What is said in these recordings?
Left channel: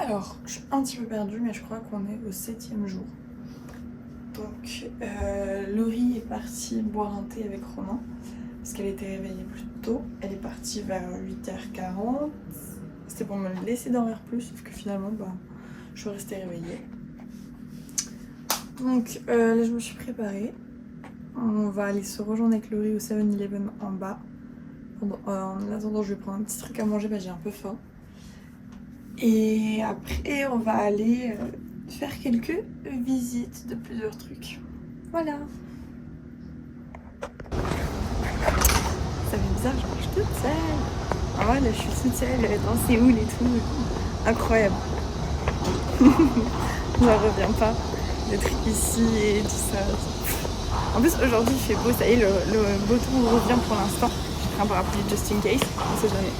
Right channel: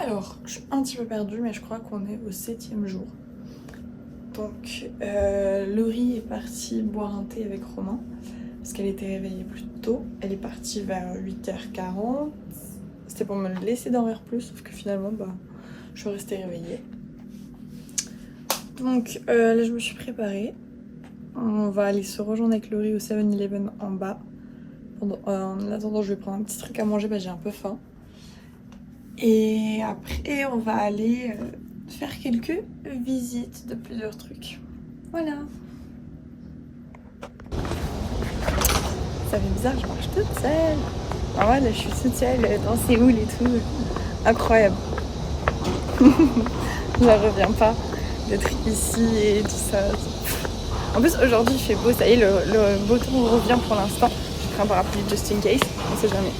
Alors, je suis un petit peu perdue, mais je crois qu'on est au 7e jour. Donc, Laurie est partie boire un thé avec Romain, parce qu'elle était réveillée plus tôt. Elle est partie vers 8h40. C'était pour me laisser dormir plus, sauf que finalement, je suis restée réveillée. Donc, là, je me suis préparée. On va aller se rejoindre avec Laurie au 7-Eleven en bas. En attendant, je vais prendre un petit truc à manger, j'ai un peu faim. Et après, on va aller faire quelques visites de plusieurs trucs. Voilà. Ça fait bizarre, je marche toute seule. Ah ouais, là, je suis toute seule dans Séoul et tout. Incroyable. J'en reviens pas d'être ici et tout ça. En plus, aujourd'hui, il fait beau. Ça y est, le beau temps revient pour l'instant. J'ai pris un parapluie just in case. On sait jamais.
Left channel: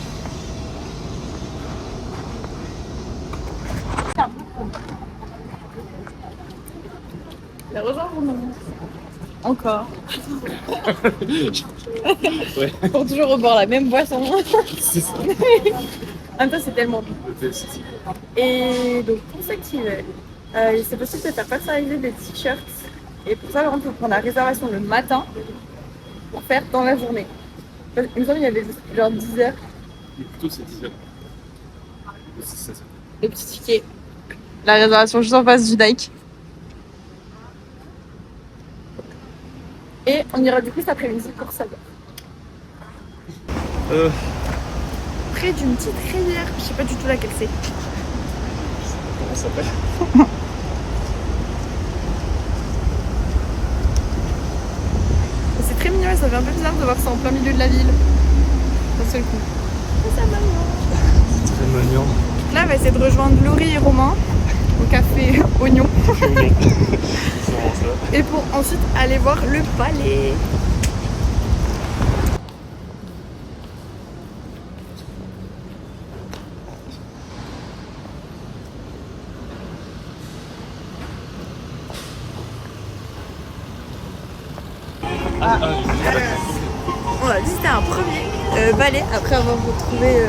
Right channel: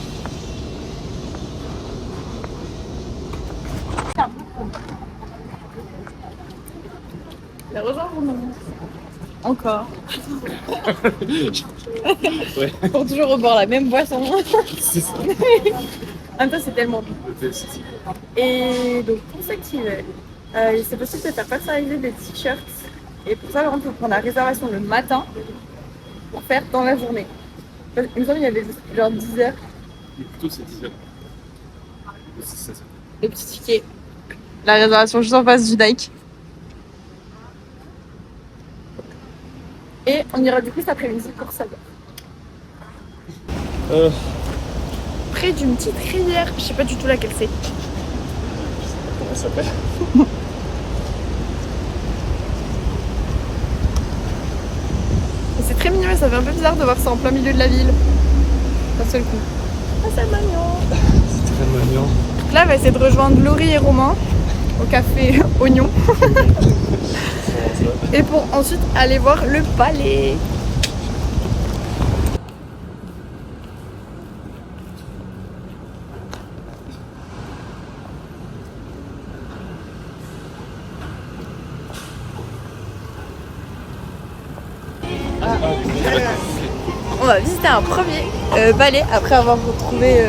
La rejoindre ou non? Encore. Ouais. Pour toujours au bord la même boisson. C'est ça. En même temps, c'est tellement bon. Et donc, pour cet hiver, c'est possible de faire personnaliser des t-shirts. Et pour ça, on peut prendre la réservation le matin pour faire dans la journée. Il me semble qu'il y avait genre 10 heures. Plutôt c'est 10 heures. C'est ça. Le petit ticket. La réservation juste en face du Nike. Et on ira du coup cet après-midi pour ça. Près d'une petite rivière, je sais pas du tout laquelle c'est. Comment ça s'appelle? C'est très mignon et ça fait un peu bizarre de voir ça en plein milieu de la ville. D'un seul coup. Ah, c'est mignon. C'est très mignon. Donc là, on va essayer de rejoindre Laurie et Romain au café Oignon. Et pour ensuite aller voir le palais. On va visiter un premier palais après avoir retrouvé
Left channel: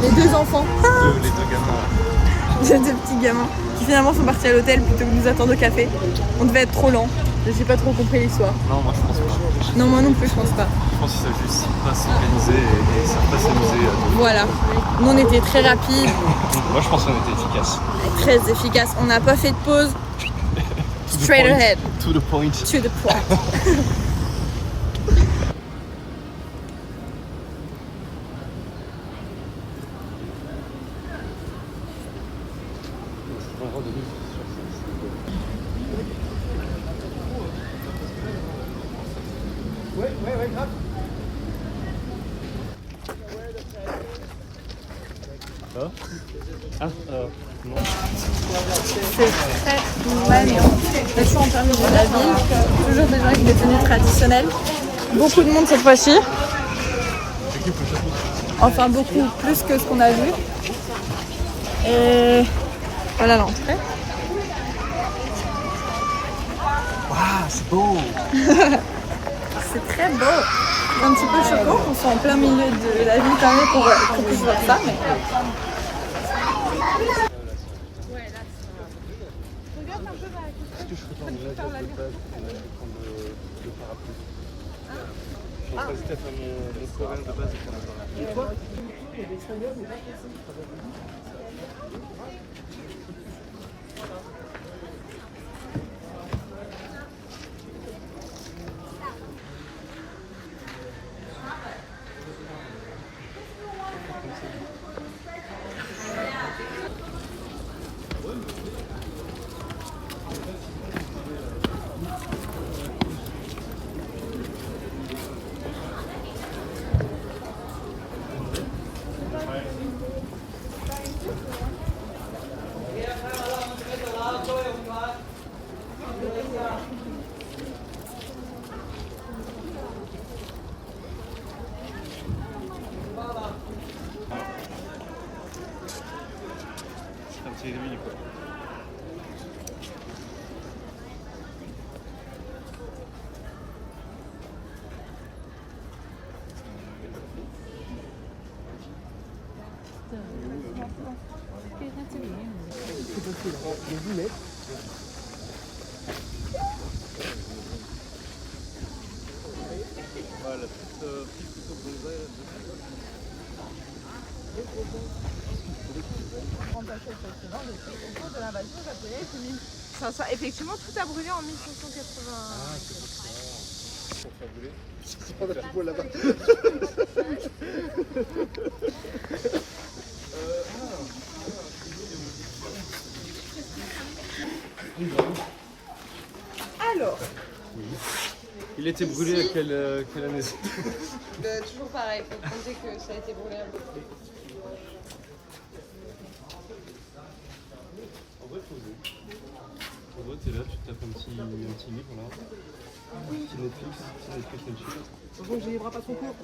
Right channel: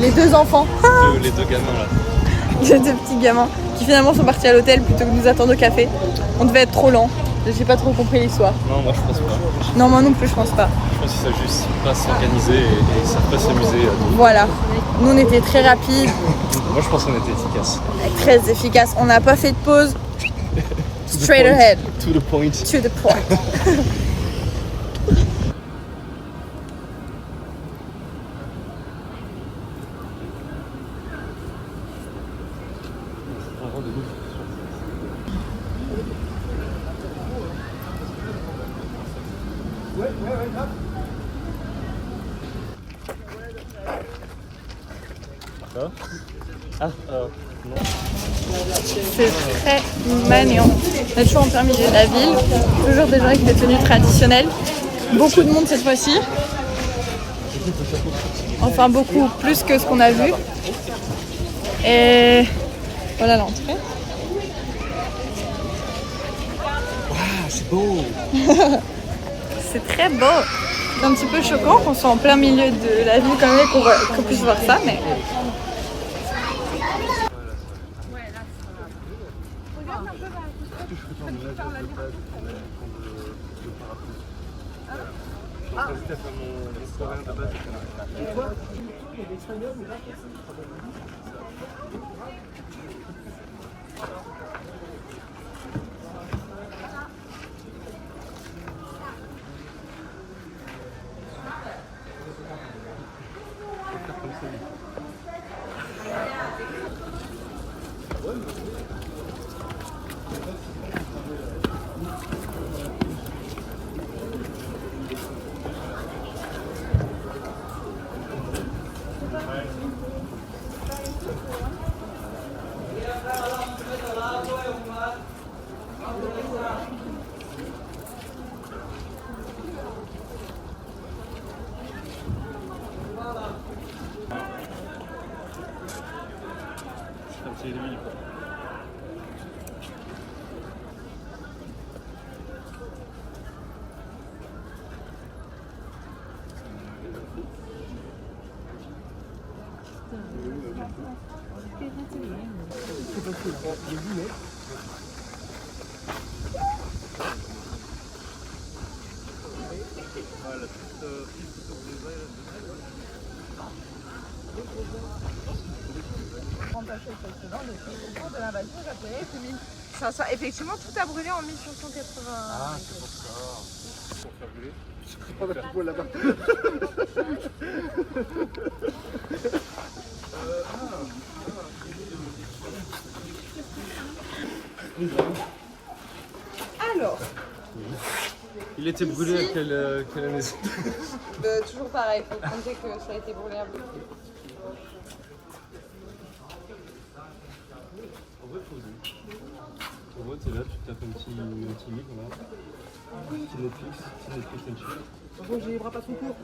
les deux enfants. Les deux gamins là. Les deux petits gamins qui finalement sont partis à l'hôtel plutôt que de nous attendre au café. On devait être trop lent. J'ai pas trop compris l'histoire. Non, moi je pense pas. Non, moi non plus, je pense pas. Je pense qu'ils savent juste pas s'organiser et ils savent pas s'amuser. Voilà. Nous, on était très rapides, Moi je pense qu'on était efficace. très efficaces. On n'a pas fait de pause. Straight ahead. To the point. To the point. Non. C'est très mignon. On est toujours en plein milieu de la ville. Toujours des gens avec des tenues traditionnelles. Beaucoup de monde cette fois-ci. Enfin, beaucoup plus que ce qu'on a vu. Et voilà l'entrée. Ah, c'est beau. C'est très beau. C'est un petit peu choquant qu'on soit en plein milieu de la ville quand même qu'on puisse voir ça, mais... C'est lui quoi. Effectivement, tout a brûlé en 1580. Ah, c'est pour ça. C'est pas la poubelle là-bas. Alors, Il était brûlé à quelle année? toujours pareil, faut compter que ça a été brûlé un peu. En vrai, t'es là, tu tapes un petit livre là. Petit Netflix Netflix. Bon, je livrerai pas trop court.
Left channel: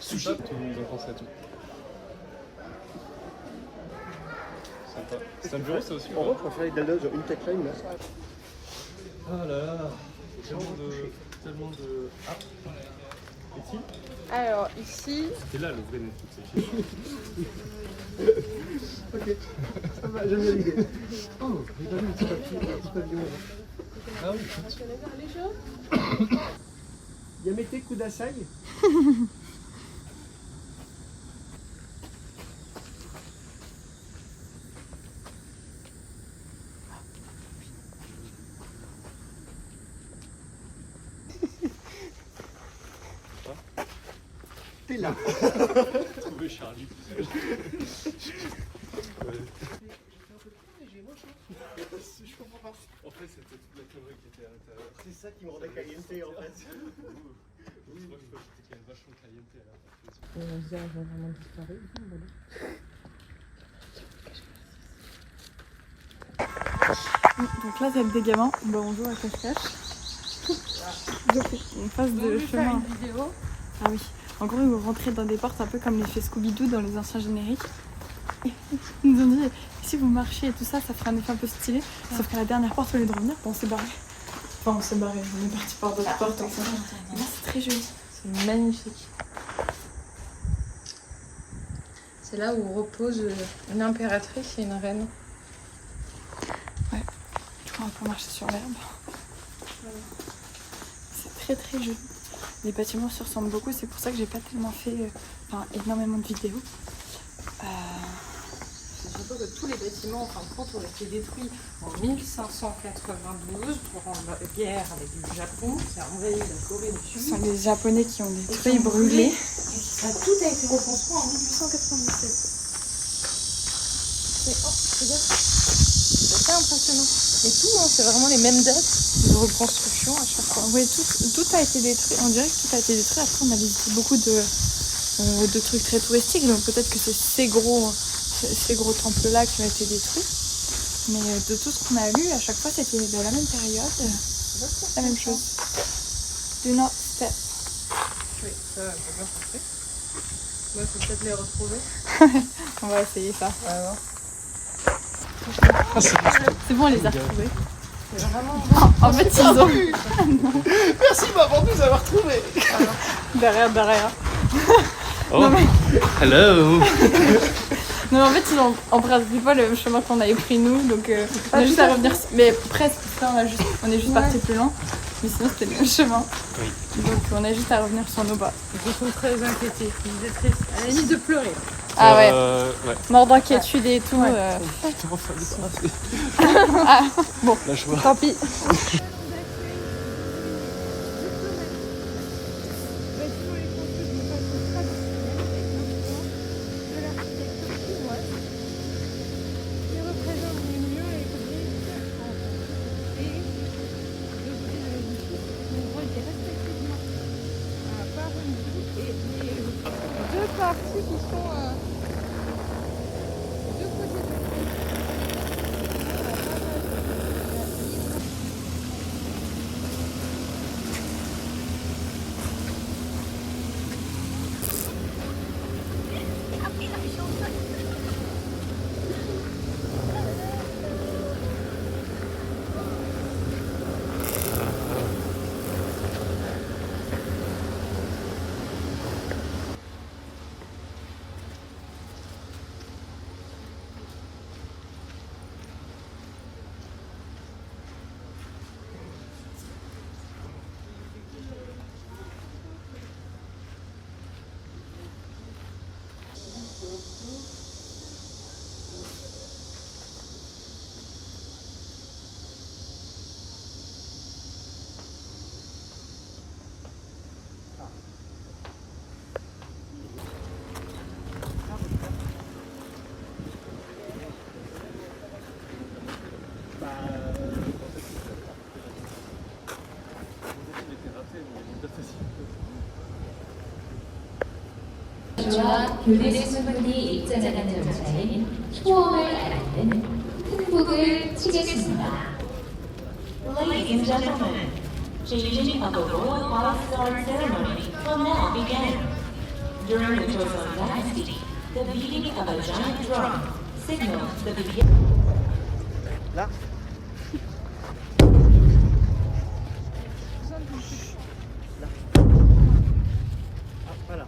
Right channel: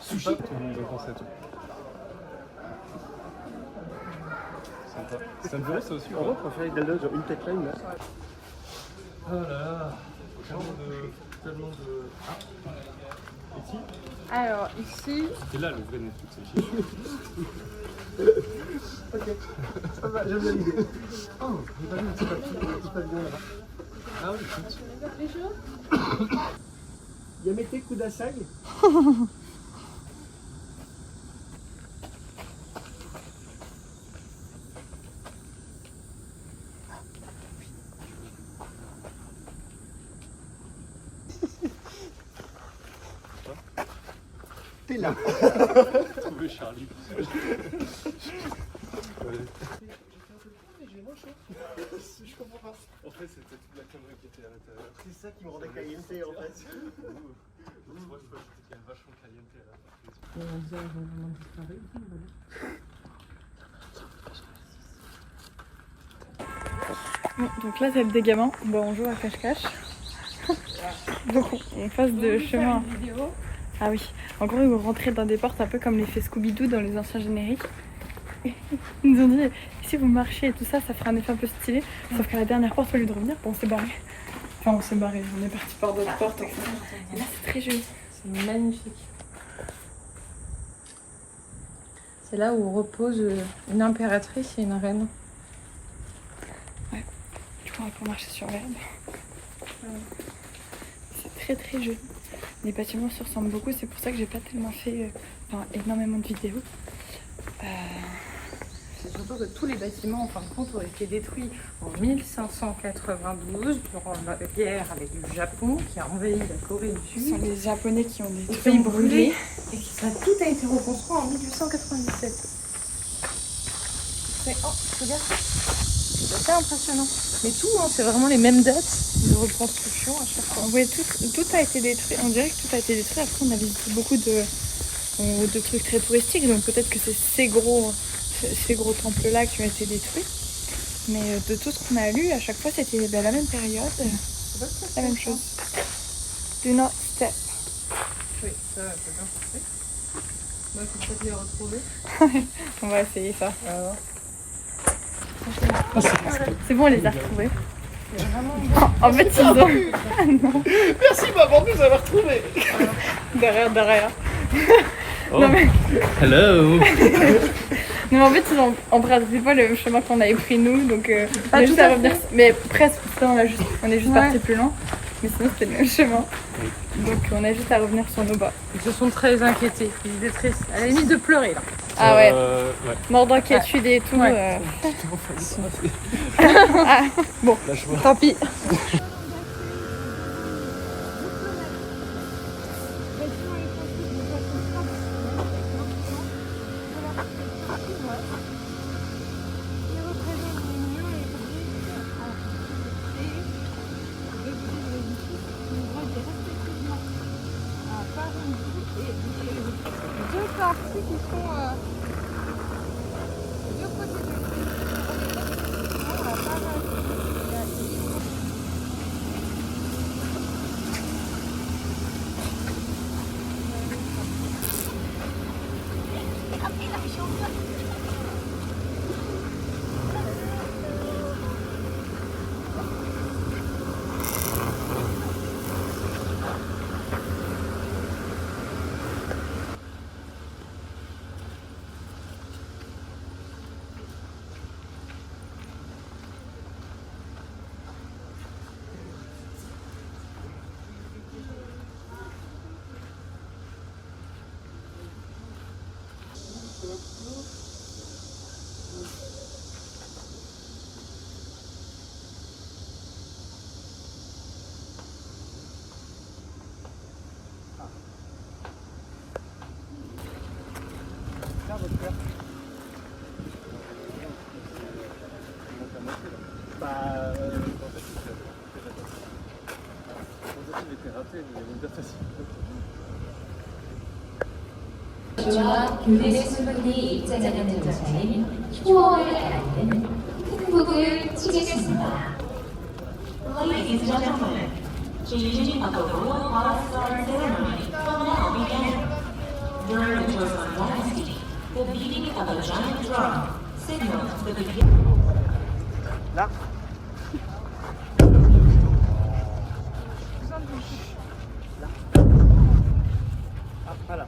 Sushi. Tout le monde a pensé à tout. Sympa. C'est un bureau ça aussi? En vrai, on fait avec une tech-line là. Oh là là, tellement de... Ah, ici? Alors, ici, C'est là le vrai Netflix. Ok, ça va, j'aime bien l'idée. Oh, j'ai pas vu le petit pavillon là. Ah oui, Yamete Kudasai. T'es là. Trouver Charlie. Je comprends pas. En fait, c'était toute la connerie qui était à l'intérieur. C'est ça qui me rendait caliente en fait. Je vois que j'étais vachement caliente à la Donc là, c'est le dégaement. Bon, on joue à cache-cache. Donc on passe de chemin. Ah oui. En gros, ils vont rentrer dans des portes un peu comme l'effet Scooby-Doo dans les anciens génériques. Ils nous ont dit, si vous marchez et tout ça, ça fera un effet un peu stylé. Sauf qu'à la dernière porte, au lieu de revenir, on s'est barré. Enfin, on s'est barré. On est parti par d'autres portes, etc. Et là, c'est très joli. c'est magnifique. C'est là où repose une impératrice et une reine. Du coup, on peut marcher sur l'herbe. C'est très très joli. Les bâtiments se ressemblent beaucoup, c'est pour ça que j'ai pas tellement fait énormément de vidéos. C'est surtout que tous les bâtiments, en fin de compte, ont été détruits en 1592 durant la guerre avec le Japon qui a envahi la Corée du Ce Sud. sont les Japonais qui ont Et des qui ont trucs brûlés. Et ça tout a été reconstruit en 1897. Mais oh, regarde, c'est pas impressionnant. Et puis non, c'est vraiment les mêmes dates de reconstruction à chaque fois. Oui, tout a été détruit. On dirait que tout a été détruit. Après, on a visité beaucoup de trucs très touristiques. Donc peut-être que c'est ces gros temples-là qui ont été détruits. Mais de tout ce qu'on a lu, à chaque fois, c'était la même période. La même chose. Do not step. Oui, ça, j'ai bien compris. Il faut peut-être les retrouver. On va essayer ça. Alors. C'est bon, on les a retrouvés. En fait, ils ont... Ah non. Merci maman de nous avoir retrouvés. Derrière. Oh. Non mais... Hello. Non mais en fait, ils ont emprunté pas le chemin qu'on avait pris nous, donc on a juste à revenir... Mais presque, on est juste parti plus loin. Mais sinon, c'était le même chemin. Donc on a juste à revenir sur nos bas. Ils sont très inquiétés. Ils étaient très... à la limite de pleurer là. Ah ouais, Ouais. mort d'inquiétude et tout. Ah, bon. Lâche-moi. Tant pis. 주와 교대 수분이 입자장하는 정자인 휴원을 알리는 큰 북을 치겠습니다. Ladies and gentlemen, changing of the royal cross guard ceremony will now begin. During the Joseon dynasty, the beating of a giant drum signals the beginning. Voilà.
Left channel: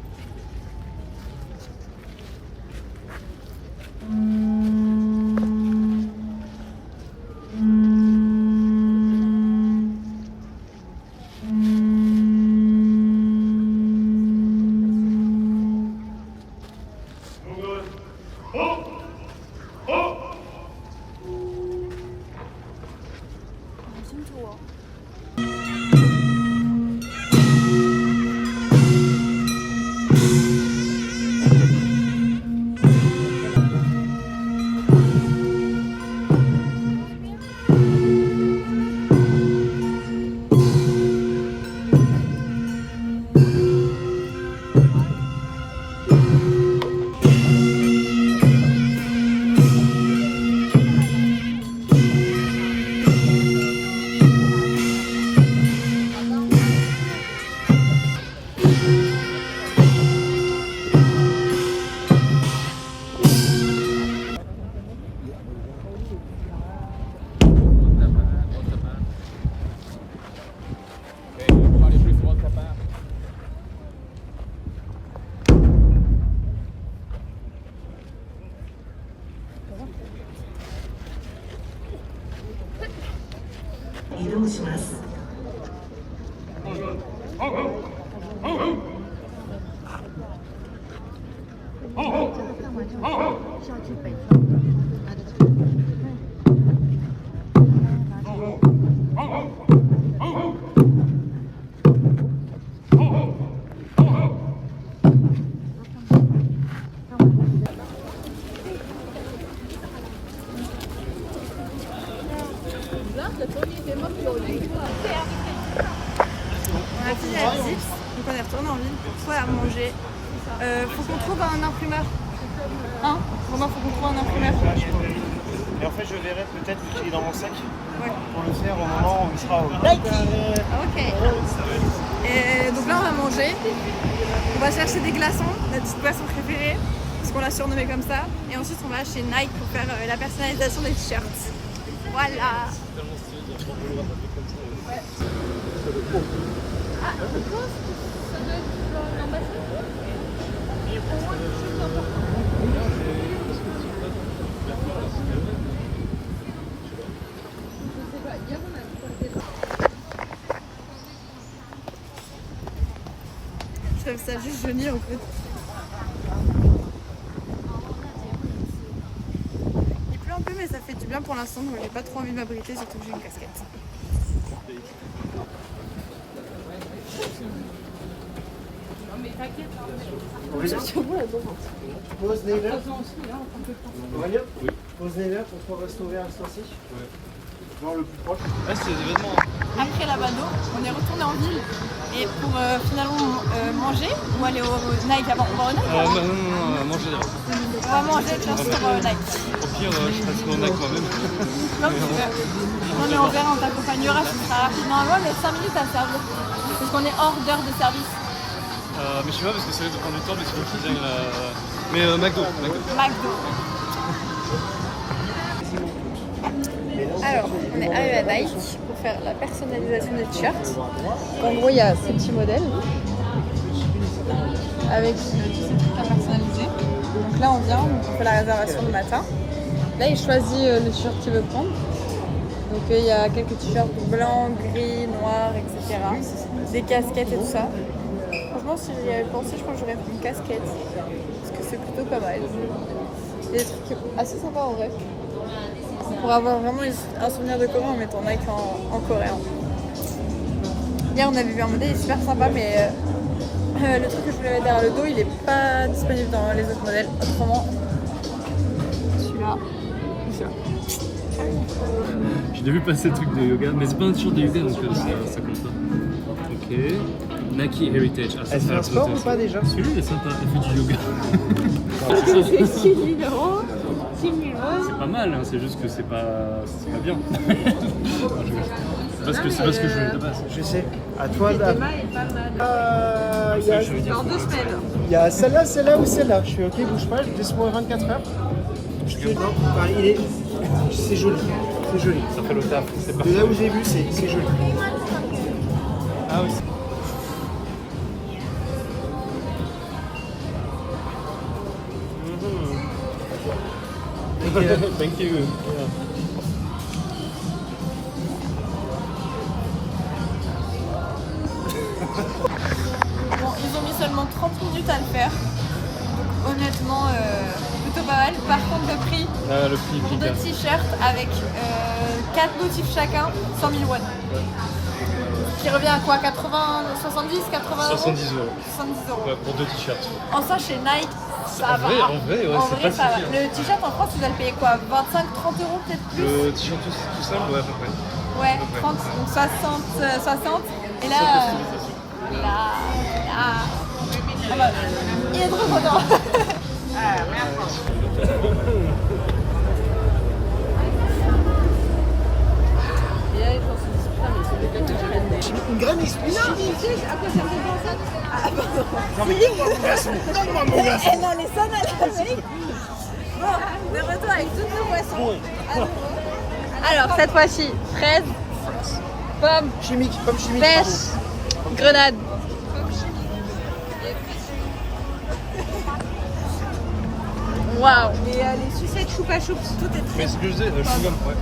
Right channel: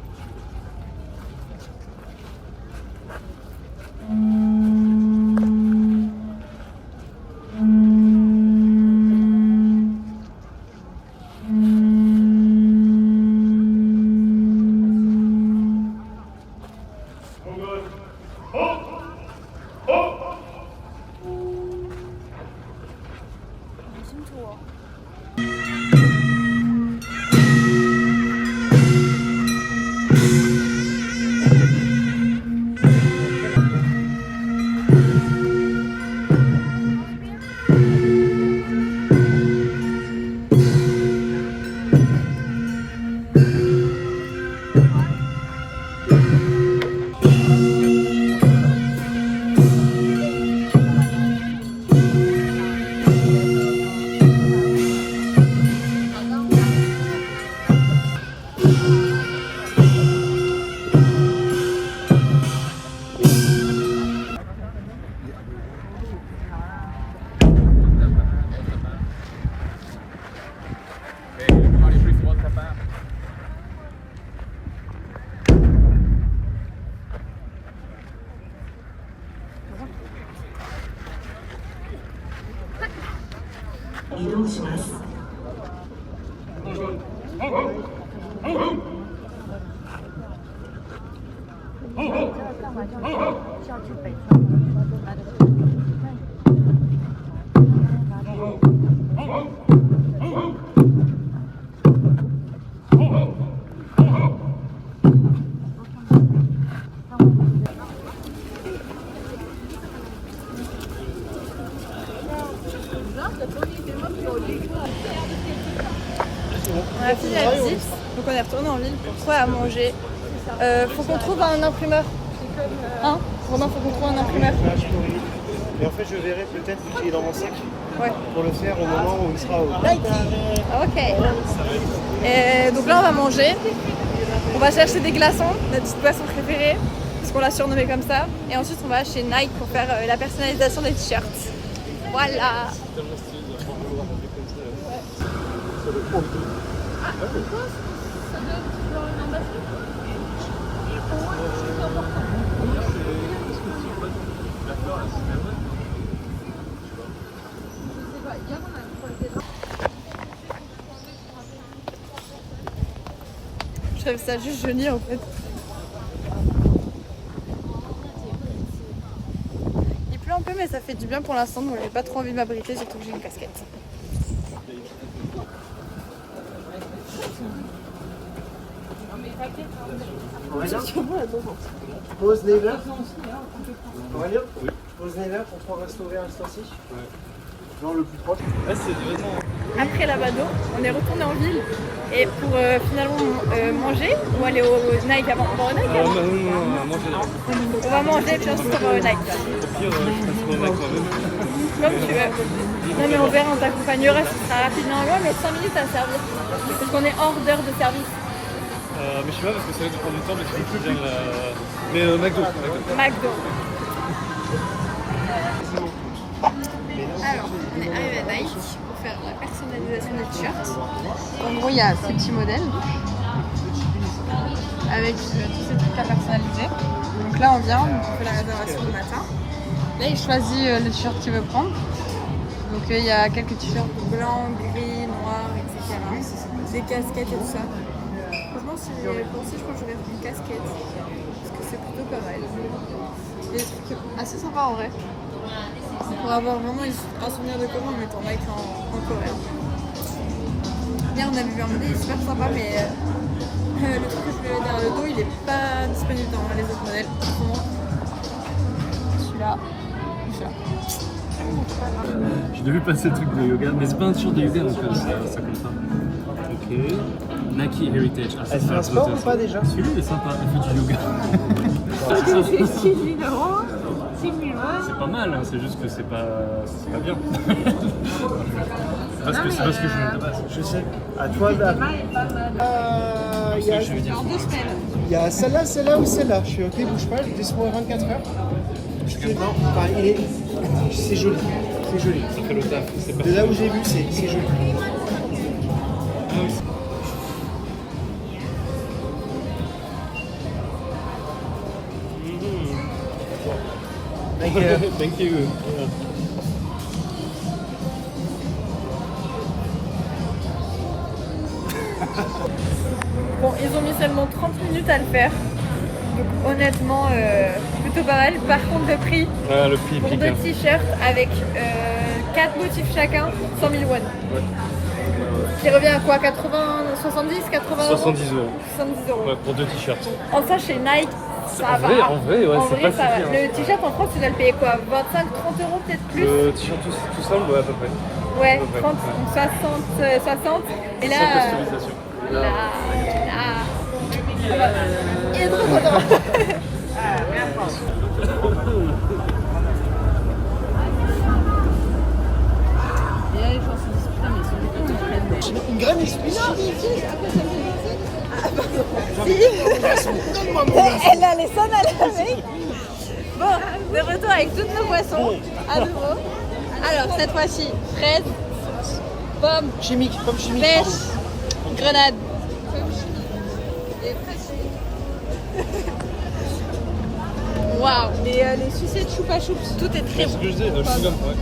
이동시마스. On a fini la visite, donc on est retourné en ville pour trouver à manger. Faut qu'on trouve un imprimeur. Hein Romain, faut qu'on trouve un imprimeur. Et en fait, je verrai peut-être qu'il est dans mon sac Ouais. pour le faire au moment où il sera au. Ok. Et donc là, on va manger. On va chercher des glaçons, notre petite boisson préférée, parce qu'on l'a surnommée comme ça. Et ensuite, on va chez Nike pour faire la personnalisation des t-shirts. Voilà. Je trouve ça juste joli en fait. Il pleut un peu mais ça fait du bien pour l'instant donc j'ai pas trop envie de m'abriter surtout que j'ai une casquette. Aurélien Pause Never. Aurélien Pause Never pour pouvoir restaurer un instant-ci. Genre le plus proche. Ouais, c'est vraiment. Après la Bado, on est retourné en ville et pour finalement manger ou aller au Nike avant. On va au Nike avant. Non, manger là. On va manger bien sûr au Nike. Au pire, je passerai au Nike moi-même. Comme tu veux. Non mais on verra, on t'accompagnera, ce sera rapide normalement mais 5 minutes à me servir. Parce qu'on est hors d'heure de service. Mais je sais pas parce que ça va dépendre du temps, mais tu peux me dire. Mais McDo. McDo. Alors, on est arrivé à Nike pour faire la personnalisation des t-shirts. En gros, il y a ces petits modèles avec tous ces trucs à personnaliser. Donc là, on vient, on fait la réservation le matin. Là, il choisit le t-shirt qu'il veut prendre. Donc il y a quelques t-shirts blancs, gris, noirs, etc. Des casquettes et tout ça. Franchement, si j'y avais pensé, je pense que j'aurais pris une casquette. Parce que c'est plutôt pas mal. Il y a des trucs assez sympas en vrai. Pour avoir vraiment un souvenir de Corée en mettant Nike en coréen. Hier, on avait vu un modèle, il est super sympa, mais le truc que je voulais mettre derrière le dos, il est pas disponible dans les autres modèles. Autrement, celui-là, celui-là. J'ai vu passer le truc de yoga, mais c'est pas un t-shirt de yoga donc ça compte pas. Ok. Nike Heritage. Ah, Elle fait un sport ou pas déjà? Celui-là il est sympa, il fait du yoga. C'est pas mal, hein, c'est juste que c'est pas bien. C'est parce que je veux. Je sais. À toi, là. Il y a celle-là ou celle-là. Je fais ok, bouge pas, laisse-moi 24 heures. Je te... Non, enfin, c'est joli. C'est joli. Ça fait le taf. De là où j'ai vu, c'est joli. Ah oui. Thank you. Bon, ils ont mis seulement 30 minutes à le faire. Donc honnêtement, plutôt pas mal. Par contre, le prix Le prix pour 2 t-shirts avec 4 motifs chacun, 100 000 won. Qui revient à quoi? 80, 70, 80 euros 70 €. 70 euros. Pour 2 t-shirts. En ça, chez Nike, ça va. En vrai, ouais, c'est pas si ça va. cher. Le t-shirt en France, tu dois le payer quoi? 25, 30 euros peut-être plus? Le t-shirt tout ça, ouais, à peu près. Ouais, 30, donc 60. Et là, il est trop content. Une graine Elle a les sonnes à la veille. Bon, de retour avec toutes nos boissons. À nouveau. Alors, cette fois-ci, fraise, pomme, chimique, pomme chimique. pêche, grenade. Waouh. Les sucettes choupa choups, tout est très C'est ce bon. que je disais, chewing-gum, ouais.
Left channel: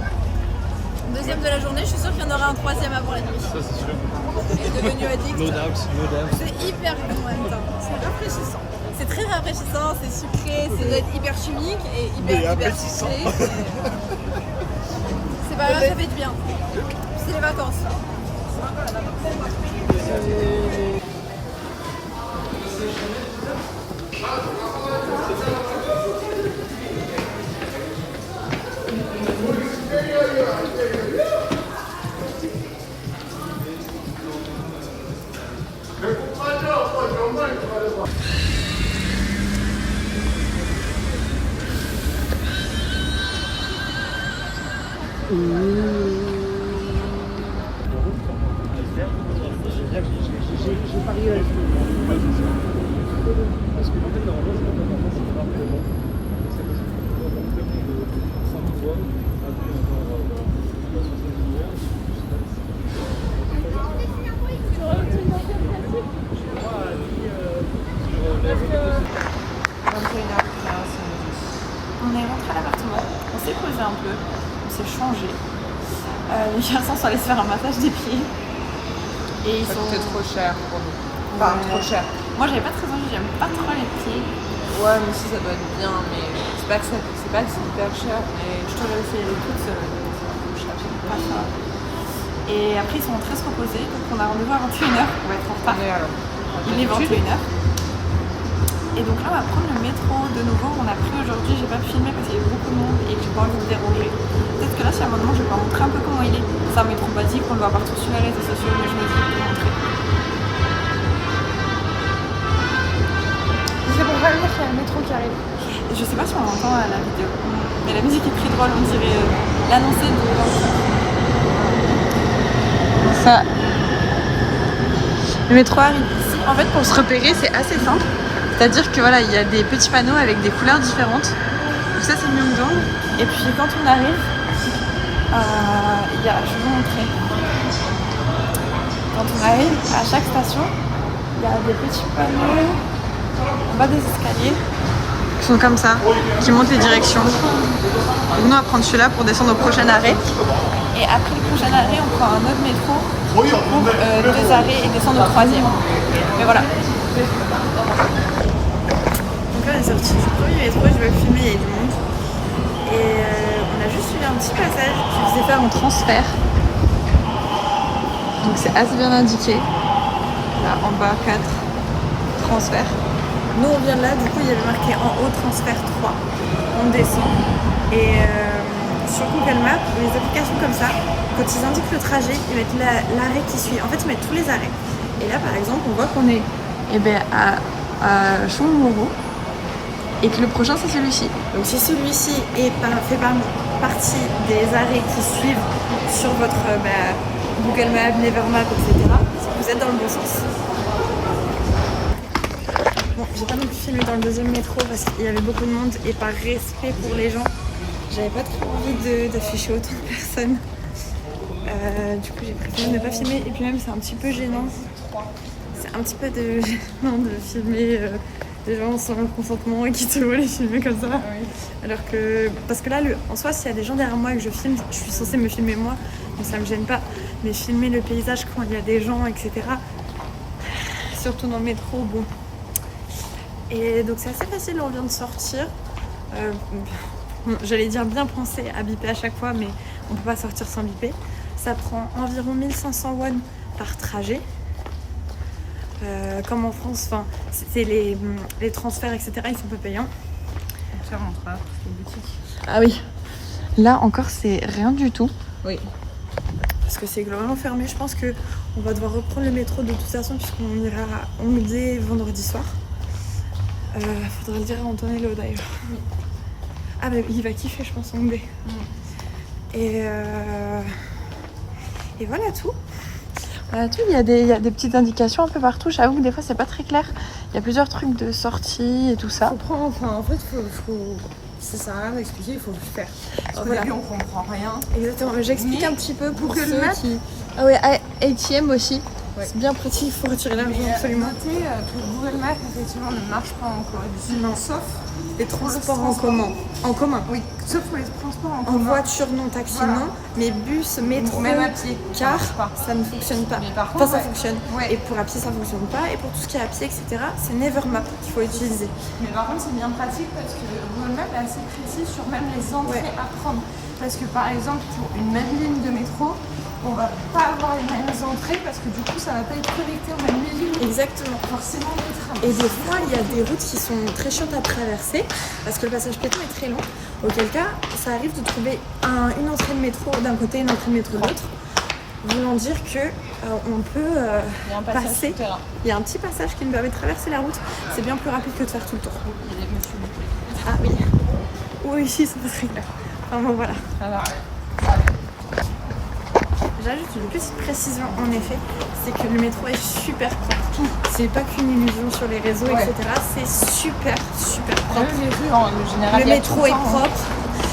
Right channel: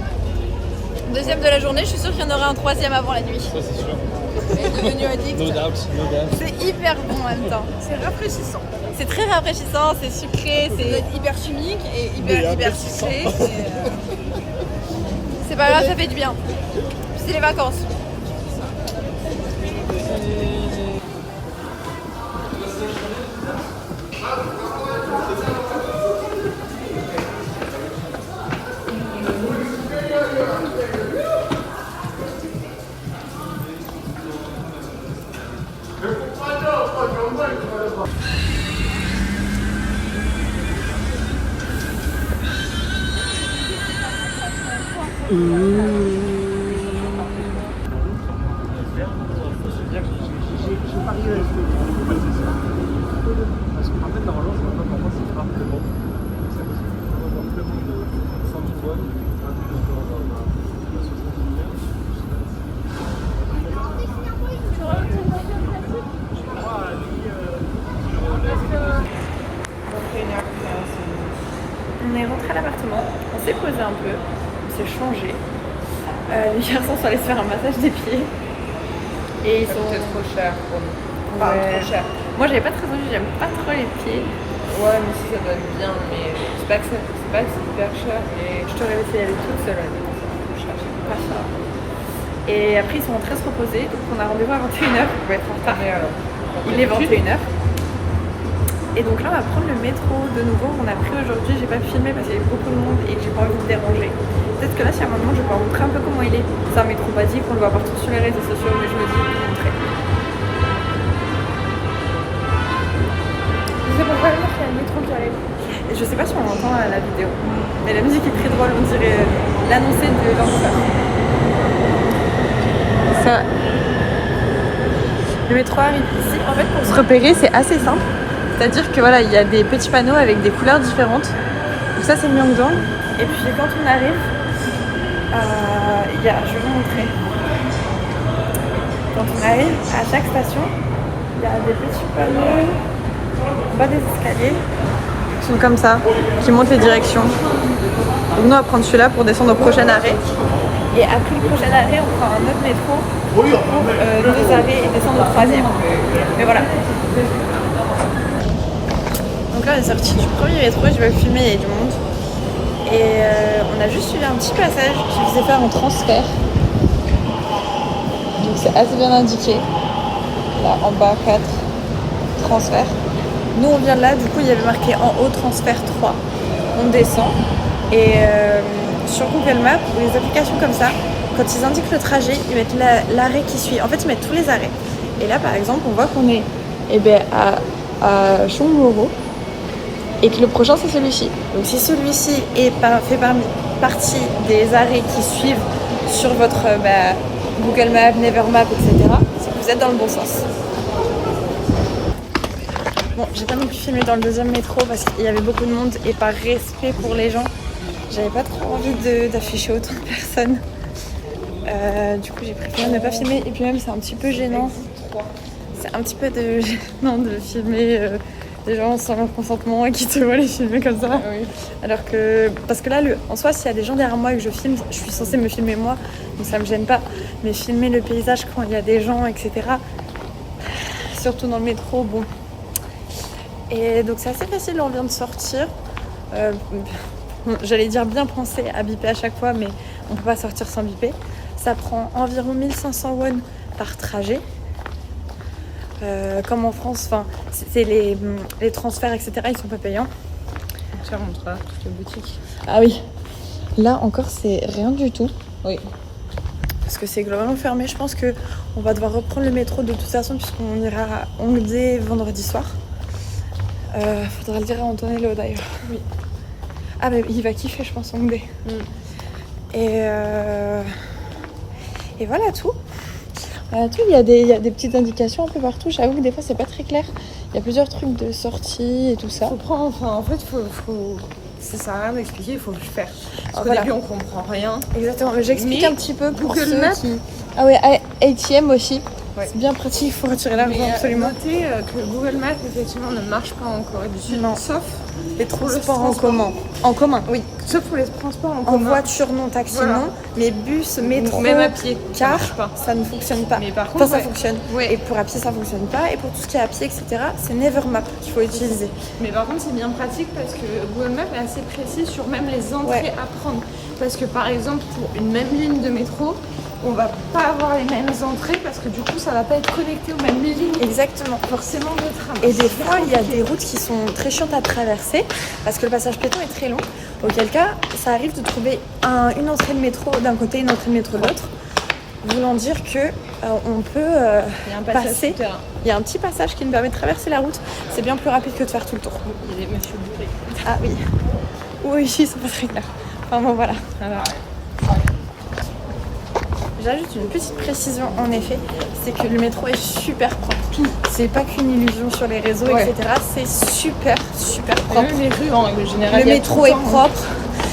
Deuxième de la journée, je suis sûre qu'il y en aura un troisième avant la nuit. Ça, c'est sûr. Il est devenu addict. No doubt. C'est hyper bon en même temps. C'est rafraîchissant. C'est très rafraîchissant, c'est sucré, c'est hyper chimique et hyper sucré. C'est pas grave, ça fait du bien. C'est les vacances. On est rentré à l'appartement, on s'est posé un peu, on s'est changé. Les garçons sont allés se faire un massage des pieds. Et ils sont. C'est trop cher pour nous. Ouais. Trop cher. Moi j'avais pas très envie, j'aime pas trop les pieds. Ouais, mais si ça doit être bien, mais c'est pas que c'est hyper cher. Et Je t'aurais laissé y aller toute seule. Pas ça. Et après ils sont rentrés se reposer, donc on a rendez-vous à 21h, on va être en retard. Il est 21h. Et donc là on va prendre le métro de nouveau, on a pris aujourd'hui, j'ai pas filmé parce qu'il y avait beaucoup de monde et j'ai pas envie de déranger. Peut-être que là si à un moment je vais pas montrer un peu comment il est. C'est un métro basique, on le voit partout sur les réseaux sociaux, mais je me dis de montrer. Je sais pas vraiment qu'il y a le métro qui arrive. Et je sais pas si on entend la vidéo, mais la musique est très drôle, on dirait l'annoncé de l'empereur. Ça. Le métro arrive ici. En fait, pour se repérer, c'est assez simple. C'est-à-dire que voilà, il y a des petits panneaux avec des couleurs différentes. Donc ça, c'est Myeongdong. Et puis quand on arrive, il y a, je vais vous montrer. Quand on arrive à chaque station, il y a des petits panneaux en bas des escaliers qui sont comme ça, qui montrent les directions. Donc nous, on va prendre celui-là pour descendre au prochain arrêt. Et après le prochain arrêt, on prend un autre métro pour les deux arrêts et descendre au troisième. Mais voilà. Donc là, on est sorti du premier métro, je vais le filmer, il y a du monde. Et on a juste suivi un petit passage qui faisait faire un transfert. Donc c'est assez bien indiqué. Là, en bas, 4 transferts. Nous, on vient de là, du coup, il y avait marqué en haut transfert 3. On descend. Et sur Google Maps ou les applications comme ça, quand ils indiquent le trajet, ils mettent l'arrêt qui suit. En fait, ils mettent tous les arrêts. Et là, par exemple, on voit qu'on est à Chongmoro et que le prochain, c'est celui-ci. Donc, si celui-ci fait partie des arrêts qui suivent sur votre Google Maps, Nevermap, etc., c'est que vous êtes dans le bon sens. Bon, j'ai pas non plus filmé dans le deuxième métro parce qu'il y avait beaucoup de monde et par respect pour les gens, j'avais pas trop envie d'afficher autant de personnes. Du coup, j'ai préféré ne pas filmer et puis même c'est un petit peu gênant. C'est un petit peu gênant de filmer des gens sans leur consentement et qui te voient les filmer comme ça. Oui. Alors que, parce que là, en soi, s'il y a des gens derrière moi et que je filme, je suis censée me filmer moi, donc ça me gêne pas. Mais filmer le paysage quand il y a des gens, etc., surtout dans le métro, bon. Et donc c'est assez facile, on vient de sortir. J'allais dire bien penser à biper à chaque fois, mais on peut pas sortir sans biper. Ça prend environ 1500 won par trajet. Comme en France, c'est les transferts, etc., ils sont pas payants. Tu rentres là, toutes les boutiques. Ah oui. Là encore, c'est rien du tout. Oui. Parce que c'est globalement fermé. Je pense qu'on va devoir reprendre le métro de toute façon, puisqu'on ira à Hongdae vendredi soir. Faudra le dire à Antonello d'ailleurs. Oui. Ah mais il va kiffer je pense Hongdae. Et voilà tout. Voilà tout. Il y a des petites indications un peu partout. J'avoue que des fois c'est pas très clair. Il y a plusieurs trucs de sortie et tout ça. En fait ça sert à rien d'expliquer, il faut le faire. Parce qu'au début on comprend rien. Exactement, mais j'explique un petit peu pour Google ceux Maps. qui... Ah ouais, ATM aussi. Ouais. C'est bien pratique, il faut retirer l'argent absolument. Notez que Google Maps effectivement ne marche pas en Corée du Sud. Non. Sauf les transports en commun. Oui, sauf pour les transports en En commun. voiture non, taxi non, mais bus, métro, même à pied, car, ça marche pas. Ça ne fonctionne pas. Mais par contre, ça fonctionne. Ouais. Et pour à pied ça fonctionne pas, et pour tout ce qui est à pied, etc., c'est Nevermap qu'il faut utiliser. Mais par contre c'est bien pratique parce que Google Maps est assez précis sur même les entrées à prendre. Parce que par exemple pour une même ligne de métro, on va pas avoir les mêmes entrées parce que du coup ça va pas être connecté aux mêmes lignes. Exactement. Forcément des trams. Et des fois il y a des routes qui sont très chiantes à traverser parce que le passage piéton est très long. Auquel cas ça arrive de trouver une entrée de métro d'un côté, une entrée de métro de l'autre. Voulant dire que on peut passer. Il y a un petit passage qui nous permet de traverser la route. C'est bien plus rapide que de faire tout le tour. Il y a des messieurs bouclés. Ah oui. Oui, ici c'est pas très clair. Enfin bon voilà. Ça va. J'ajoute une petite précision en effet, c'est que le métro est super propre. C'est pas qu'une illusion sur les réseaux, etc. C'est super propre. Même les rues en général. Le métro est propre,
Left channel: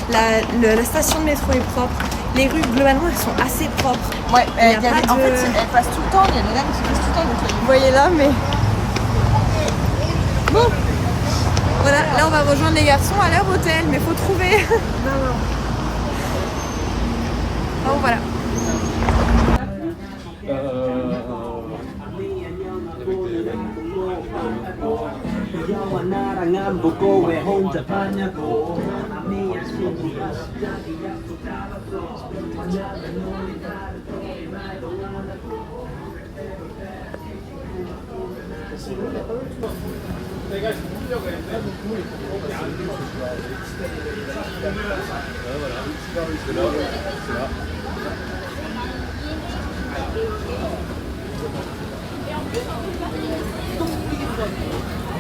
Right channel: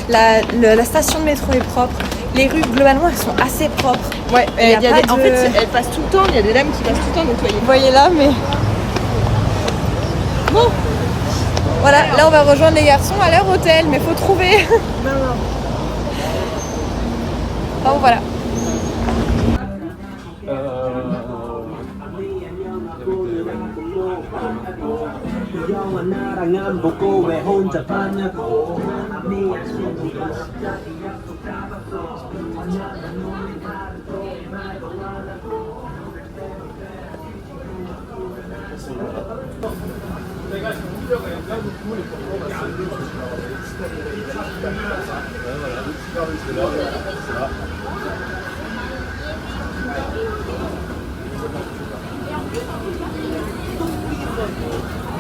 la station de métro est propre. Les rues globalement elles sont assez propres. Ouais, en fait elles passent tout le temps, il y a des lames qui passent tout le temps nettoyées. Vous voyez là, mais... Bon. Voilà, là on va rejoindre les garçons à leur hôtel, mais faut trouver. Non. Bon voilà.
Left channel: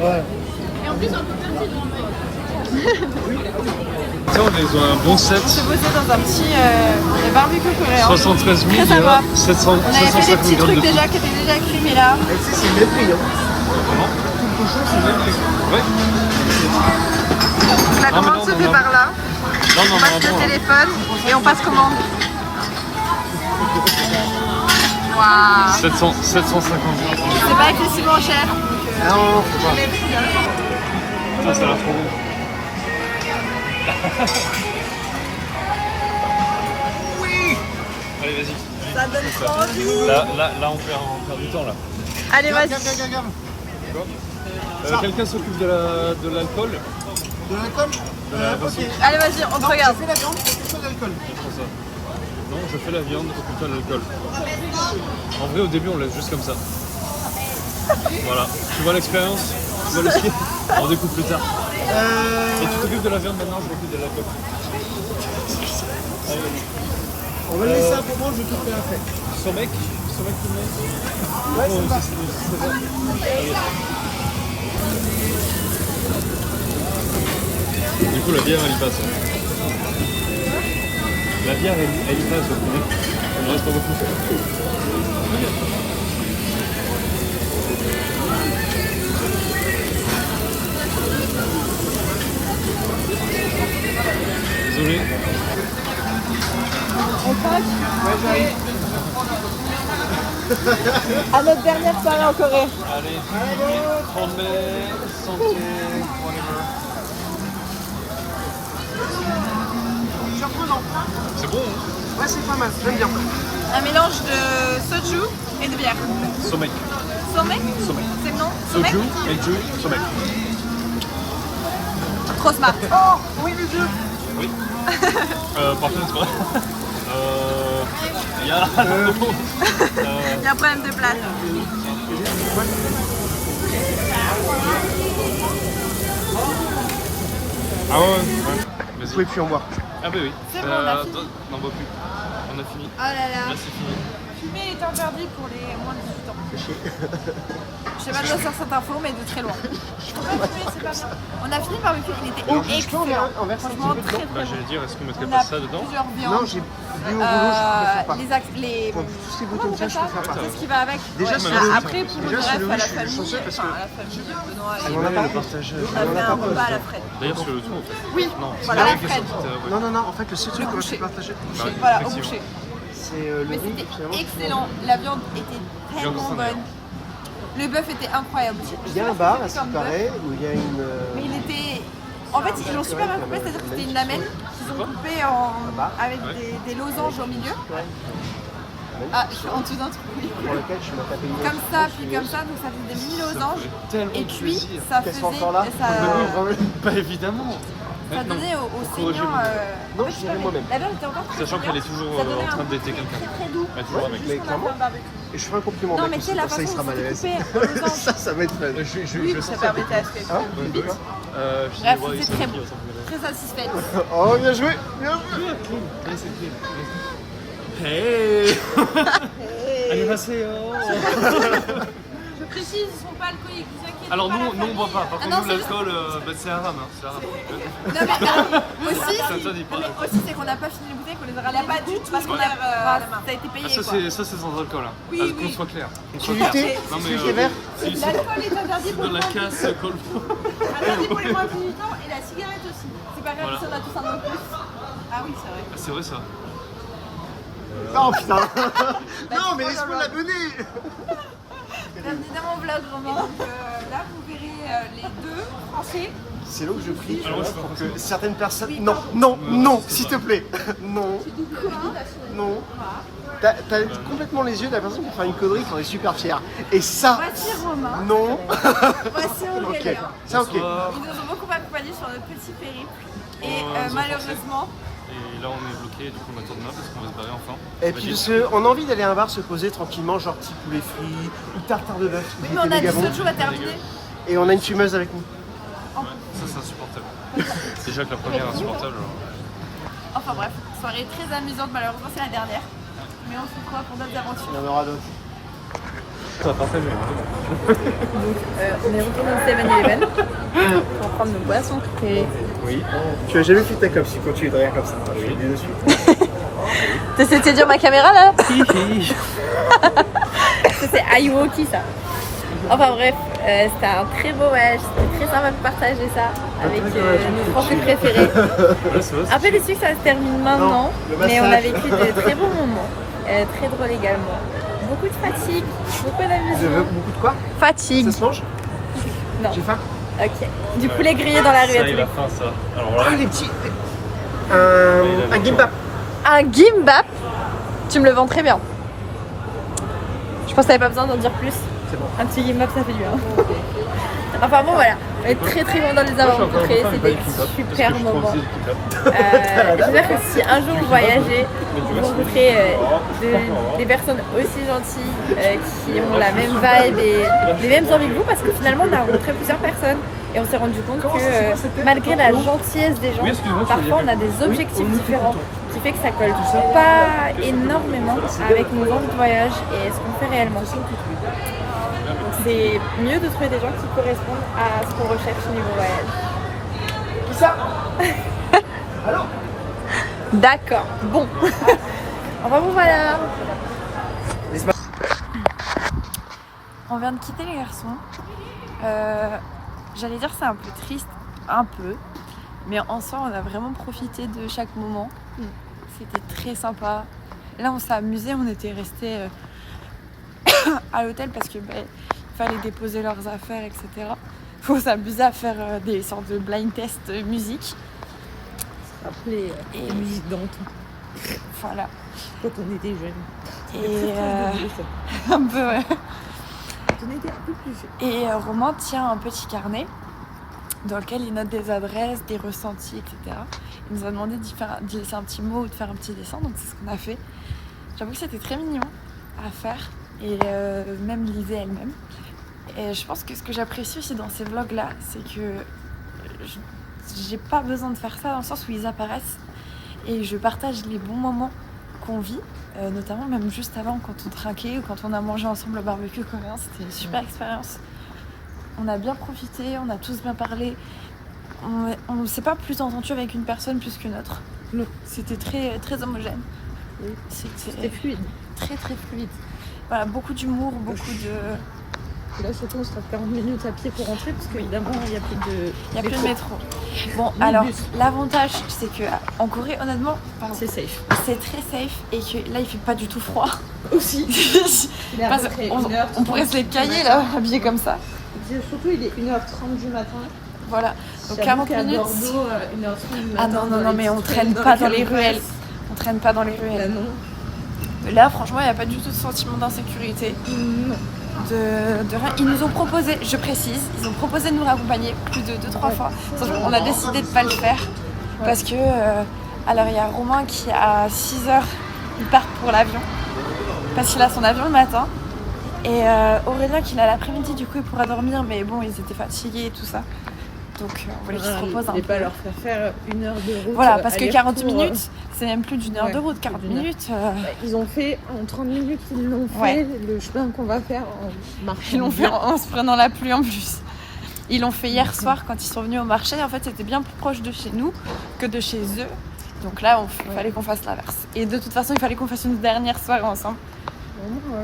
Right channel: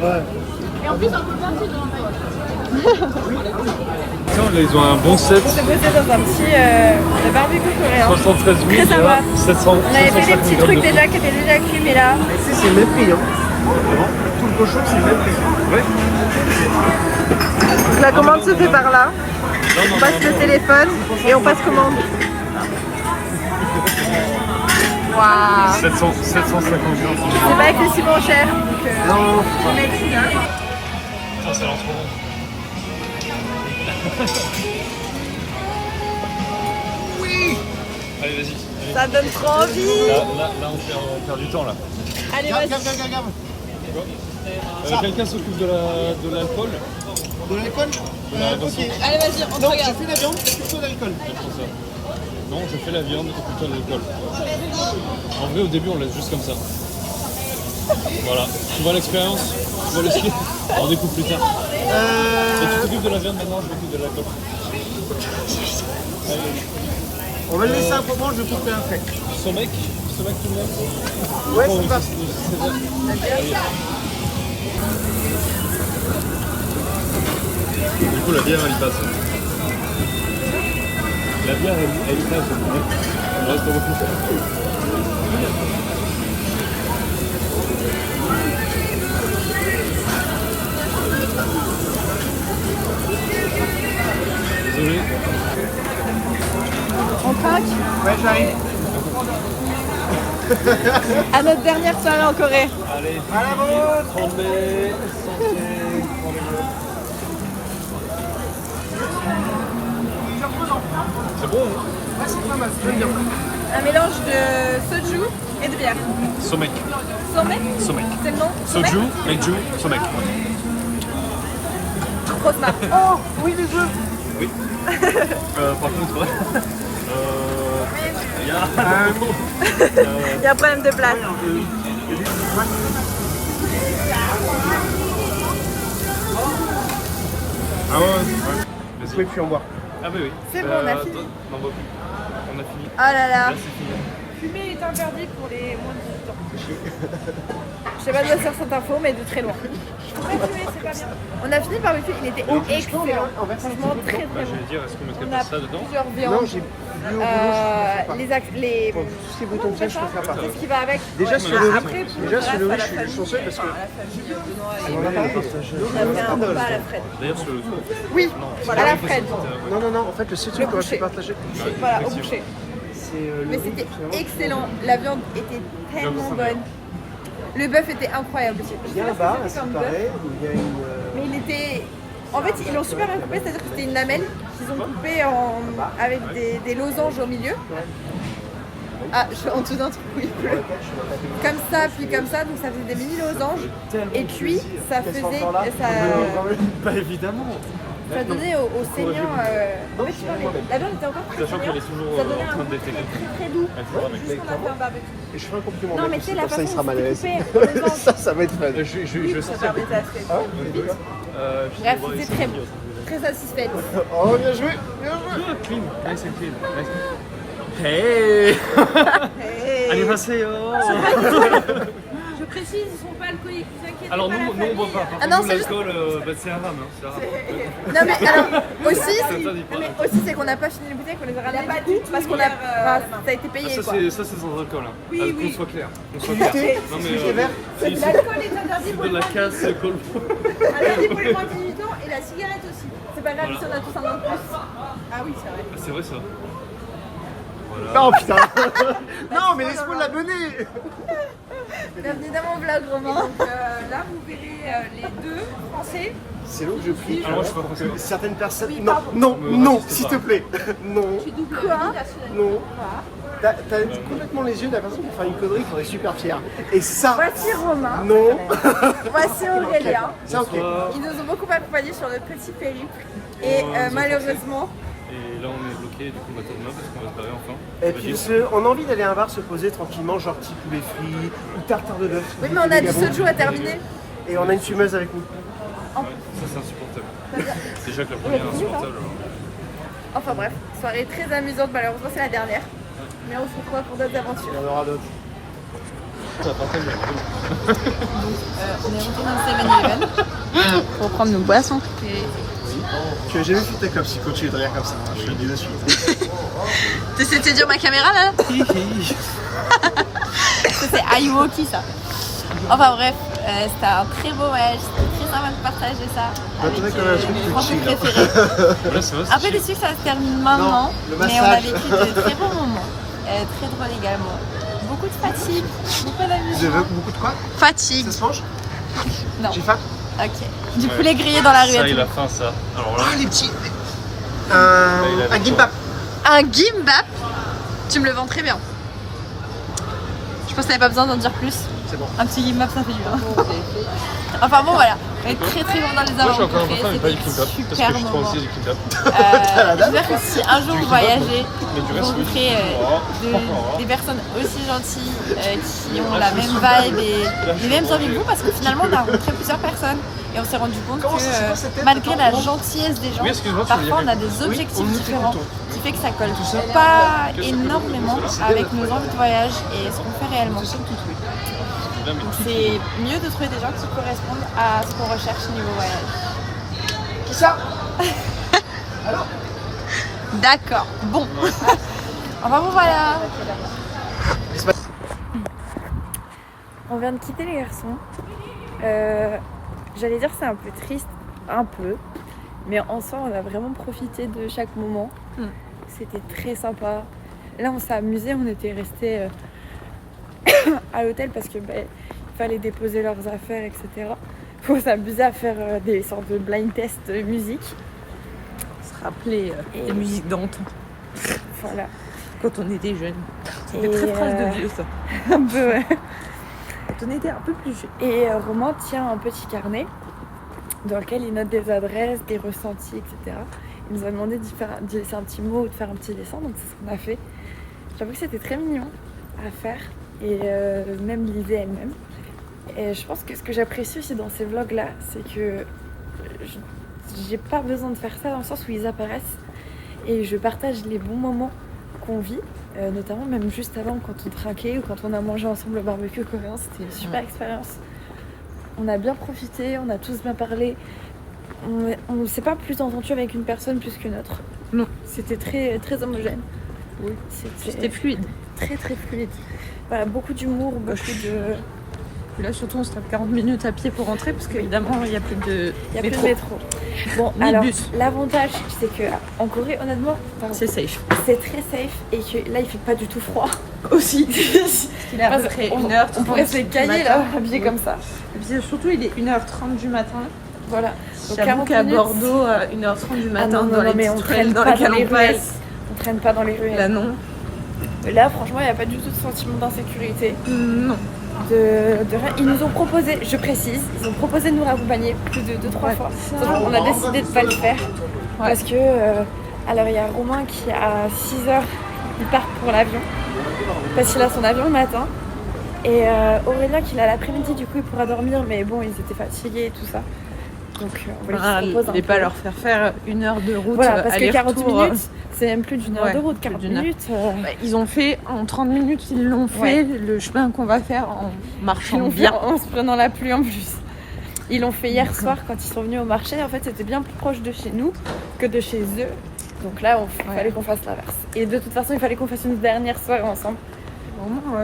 Ouais. Et en plus un peu perdu. Ils ont un bon set. On s'est posé dans un petit barbecue coréen. 73 000, très sympa. 700, On avait fait des petits trucs déjà qui étaient déjà cuits, mais là... Et c'est le même prix. Hein. Comment? Tout le cochon, c'est le même prix. Oui. Donc la commande se fait par là. On passe le téléphone et on passe commande. Waouh. 750 €. C'est pas excessivement cher. Donc, Ah, ça a l'air trop bon. oui. Allez, vas-y. Ça donne trop envie. Là on perd du temps là. Allez, vas-y. Quelqu'un s'occupe de l'alcool? De l'alcool ok. Allez, vas-y, on te regarde. Je fais la viande, je fais l'alcool. Non, je fais la viande, occupe-toi de l'alcool. En vrai, au début, on laisse juste comme ça. Voilà. Tu vois l'expérience? Tu vois le ski? On découpe plus tard. Et tu t'occupes de la viande maintenant, je m'occupe de l'alcool. On va le laisser un moment, je te fais un fait. Sommeil tout le monde. Ouais, ça passe. Du coup, la bière, elle y passe. La bière, elle y passe. Il reste pas beaucoup. Désolé. Ouais, j'arrive. À notre dernière soirée en Corée. Allez, tombez, santé, whatever. C'est bon? Ouais, c'est pas mal, j'aime bien. Un mélange de soju et de bière. Sommeil. Sommet? Sommeil. C'est le nom? Soju Sommet? et Ju, sommeil. Grosse marque. Oh, oui, les œufs. Oui. Par contre, il y a... Il y a un problème de place. Ah ouais. Vous pouvez plus en boire. Ah bah oui. C'est bon, on a fini. On n'en veut plus. On a fini. Oh là là. Là, c'est fini. Fumer est interdit pour les moins de 18 ans. Je sais pas d'où sort cette info, mais de très loin. Faut pas fumer, c'est pas bien. On a fini le barbecue qui était excellent. Franchement, très Bah, très je bon. vais dire, est-ce qu'on mettrait On pas a ça dedans? plusieurs Non, viandes. j'ai bu au boulot, je peux pas. Les Bon, si vous tombez ça, je peux faire pas. Qu'est-ce qui va avec? Déjà sur le Après, riz, pour déjà sur le riz, je suis chanceux parce que on a pas fait ça. On va faire un repas à la Fred. D'ailleurs, sur le tour. Oui, Non, à la Fred. Non, en fait le seul truc qu'on aurait pu boucher. partager, Voilà, au boucher. c'est le Mais riz. c'était finalement, excellent. La viande était tellement Je bonne. Le bœuf était incroyable aussi. Il y a un bar, à ce qui paraît, où il y a une. Mais il était. En fait, ils l'ont super bien coupé, c'est-à-dire que c'était une lamelle qu'ils ont coupée avec des losanges au milieu. Ah, je suis en dessous d'un truc où il pleut. Comme ça, puis comme ça, donc ça faisait des mini losanges. Et cuit, ça faisait. Pas évidemment. Ça donnait au saignant. En fait, la viande était encore très Sachant saignante. qu'elle est toujours Ça donnait en un train de goût détecter. très doux. Mais clairement. Et je ferai un compliment. Non, à mais Marcus, tu sais, la comme ça, il façon sera dont mal à c'est l'aise. coupé, aux losanges. Ça va être mal. Je vais sortir. Ah, Vite. Bref, c'était très bon. Très satisfaite. Oh, bien joué. Bien joué. Clean. Nice and clean. Hey. Annyeonghaseyo. Je précise, ils sont pas alcooliques, vous inquiétez Alors pas. nous on boit pas. Par Ah contre, non, nous, c'est juste- l'alcool, c'est un rame. C'est un rame. Non mais alors aussi, interdit, non, mais aussi c'est qu'on n'a pas fini les bouteilles, qu'on les a ramenées du coup, parce qu'on a, ça a été payé quoi. Ça c'est sans alcool. Hein. Oui, Qu'on soit clair. Qu'on soit Tu clair. l'étais. Non C'est celui qui est vert. L'alcool est interdit pour de les la moins de casse, col. interdit pour les moins de 18 ans et la cigarette aussi. C'est pas grave si on a tous un an de plus. Ah oui, c'est vrai. C'est vrai ça. Non, putain. Non, mais laisse-moi l'abonner. Bienvenue dans mon vlog Romain. Donc là vous verrez les deux français. C'est là où je prie. Alors moi, je suis pas pour français. que certaines personnes. Oui, Non, pardon. non, Me non, raciste s'il pas. te plaît. Non, Quoi? non. Quoi? T'as complètement les yeux de la personne qui fait une connerie qui en est super fière. Et ça, Voici Romain, non. voici Aurélien. Ça, ok. Ils nous ont beaucoup accompagnés sur notre petit périple. Et malheureusement, Et là on est bloqué, du coup on attend demain parce qu'on va se barrer enfin. Et puis parce qu'on a envie d'aller à un bar se poser tranquillement, genre petit poulet frit ou tartare de bœuf. oui mais on a du soju à terminer. Et on a une fumeuse avec nous. Ouais, ça c'est insupportable. Déjà que la première est insupportable. Enfin bref, soirée très amusante, malheureusement c'est la dernière. Mais on se croit pour d'autres aventures. Il y en aura d'autres. On est retourné au 7-Eleven pour prendre nos boissons préférées. Tu as jamais fait ta cop si tu continues de rire comme ça. Je te le dis de suite. T'essaies de séduire ma caméra là? C'est Ayuoki ça. Enfin bref, c'était un très beau voyage, c'était très sympa de partager ça avec nos Français préférés. Un peu déçu que ça se termine maintenant, mais on a vécu de très bons moments, très drôles également. Beaucoup de fatigue, beaucoup d'amusement. Beaucoup de quoi? Fatigue. Ça se mange? Non. J'ai faim? Ok. Du poulet grillé dans la rue à Ça tous y est les la fin ça. Alors là, Ah, les petits. Un gimbap. Un gimbap, tu me le vends très bien. Je pense que t'avais pas besoin d'en dire plus. C'est bon. Un petit gimbap, ça fait du bien. Enfin bon, voilà. On est très très contents de les avoir rencontrés. C'était des super moments. J'espère que si un jour vous voyagez, vous rencontrez des personnes aussi gentilles qui ont la même vibe et les mêmes envies que vous, parce que finalement on a rencontré plusieurs personnes et on s'est rendu compte que malgré la gentillesse des gens, parfois on a des objectifs différents. Ce qui fait que ça colle pas énormément avec nos envies de voyage et ce qu'on fait réellement. Donc c'est mieux de trouver des gens qui correspondent à ce qu'on recherche niveau voyage. C'est ça. Alors D'accord, bon. Enfin bon voilà. On vient de quitter les garçons. J'allais dire c'est un peu triste, un peu. Mais en soi on a vraiment profité de chaque moment. C'était très sympa. Là on s'est amusé, on était restés à l'hôtel parce que il fallait déposer leurs affaires, etc. Faut s'amuser à faire des sortes de blind test musique. Se rappeler les musiques d'antan. Voilà. Quand on était jeunes. Et Très proche de vieux, ça. un peu ouais. Quand on était un peu plus jeunes. Et Romain tient un petit carnet dans lequel il note des adresses, des ressentis, etc. Il nous a demandé de laisser un petit mot ou de faire un petit dessin, donc c'est ce qu'on a fait. J'avoue que c'était très mignon à faire et même l'idée elle-même. Et je pense que ce que j'apprécie aussi dans ces vlogs-là, c'est que j'ai pas besoin de faire ça dans le sens où ils apparaissent et je partage les bons moments qu'on vit, notamment même juste avant quand on trinquait ou quand on a mangé ensemble le barbecue coréen. C'était une super expérience. On a bien profité, on a tous bien parlé. On ne s'est pas plus entendu avec une personne plus qu'une autre. Non. C'était très, très homogène. Oui. C'était fluide. Très très fluide. Voilà, beaucoup d'humour, beaucoup de... Et là surtout on se trouve 40 minutes à pied pour rentrer parce qu'évidemment il n'y a plus de Il n'y a plus de métro. Bon, Ni alors bus. l'avantage c'est que en Corée, honnêtement, C'est safe. c'est très safe et que là il fait pas du tout froid. Aussi. Il est à Parce peu près qu'on 1h30 on pourrait se les cailler là, habillés Oui. comme ça. Et puis surtout il est 1h30 du matin. Voilà. Donc J'avoue 40 qu'à minutes. Bordeaux, 1h30 du matin. Ah non, non, dans non, les mais on petites traîne pas dans les canaux ruelles. places. On traîne pas dans les Là ruelles. non. Là, franchement, il n'y a pas du tout de sentiment d'insécurité. Non. De rien. Ils nous ont proposé, je précise, ils ont proposé de nous raccompagner plus de 2-3 fois. Sauf qu'on a décidé de ne pas le faire. Parce que, alors il y a Romain qui à 6h, il part pour l'avion. Parce qu'il a son avion le matin. Et Aurélien qui l'a l'après-midi, du coup il pourra dormir. Mais bon, ils étaient fatigués et tout ça. Donc on voulait qu'ils se reposent un Et peu. pas leur faire 1 heure de route. Voilà, parce que 40 aller-retour, minutes, c'est même plus d'une heure Ouais, de route. plus 40 d'une heure. minutes. Ils ont fait en 30 minutes, ils l'ont fait Ouais. le chemin qu'on va faire en Ils marchant l'ont fait bien. en se prenant la pluie en plus. Ils l'ont fait hier soir quand ils sont venus au marché. En fait, c'était bien plus proche de chez nous que de chez eux. Donc là, il fallait qu'on fasse l'inverse. Et de toute façon, il fallait qu'on fasse une dernière soirée ensemble.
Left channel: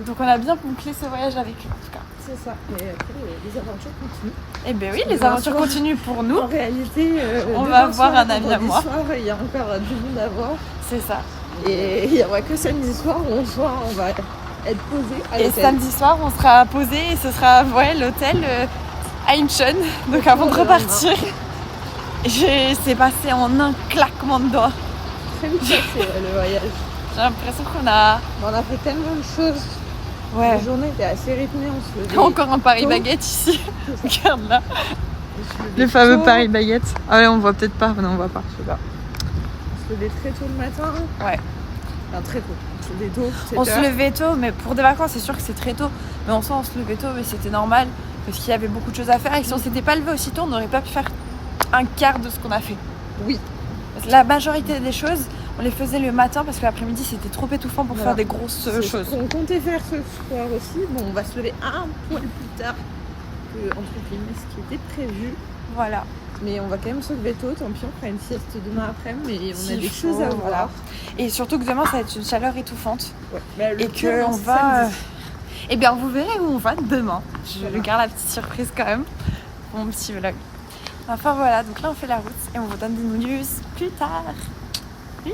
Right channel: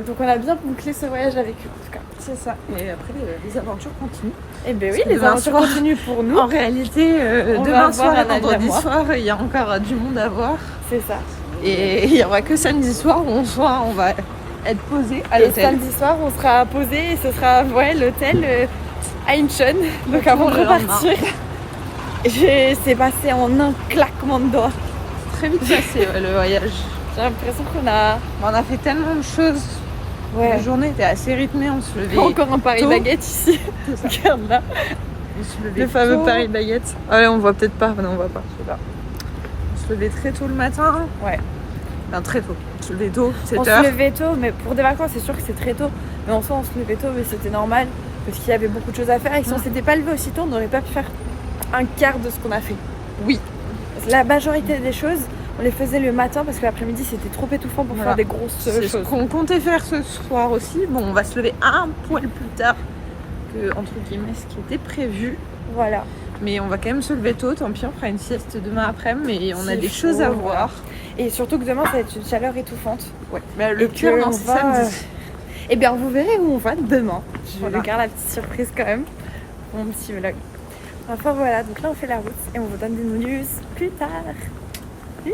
Donc on a bien bouclé ce voyage avec eux en tout cas. C'est ça. Et après, les aventures continuent. Et ben oui, les Demain aventures soir. continuent pour nous. En réalité, On demain va avoir soir, un ami à vendredi moi. soir, il y a encore du monde à voir. C'est ça. Et il n'y aura que samedi soir où on va être posé à Et l'hôtel. samedi soir, on sera posé et ce sera l'hôtel à Incheon. Donc avant de repartir, c'est passé en un claquement de doigts. Très vite passé le voyage. J'ai l'impression qu'on a... On a fait tellement de choses. Ouais. La journée était assez rythmée, on se levait. Encore un Paris tôt. baguette ici. Regarde là. On se levait Le fameux tôt. Paris baguette. Ah ouais, on voit peut-être pas. Non, on voit pas. On se levait très tôt le matin. Ouais. Enfin, très tôt. On se levait tôt, 7 On se heures. levait tôt, mais pour des vacances, c'est sûr que c'est très tôt. Mais en soi, on se levait tôt, mais c'était normal. Parce qu'il y avait beaucoup de choses à faire. Et si on s'était pas levé aussitôt, on n'aurait pas pu faire un quart de ce qu'on a fait. Oui. La majorité des choses, on les faisait le matin parce que l'après-midi, c'était trop étouffant pour faire Voilà. des grosses C'est choses. ce qu'on comptait faire ce soir aussi. Bon, on va se lever un poil plus tard que, entre guillemets, ce qui était prévu. Voilà. Mais on va quand même se lever tôt, tant pis, on fera une sieste demain après, mais on a S'il des faut, choses à voilà. voir. Et surtout que demain, ça va être une chaleur étouffante. Mais le Et pire, que non, on c'est va. samedi. Eh bien, vous verrez où on va demain. Je Voilà. garde la petite surprise quand même pour mon petit vlog. Enfin voilà, donc là on fait la route et on vous donne des news plus tard. Oui.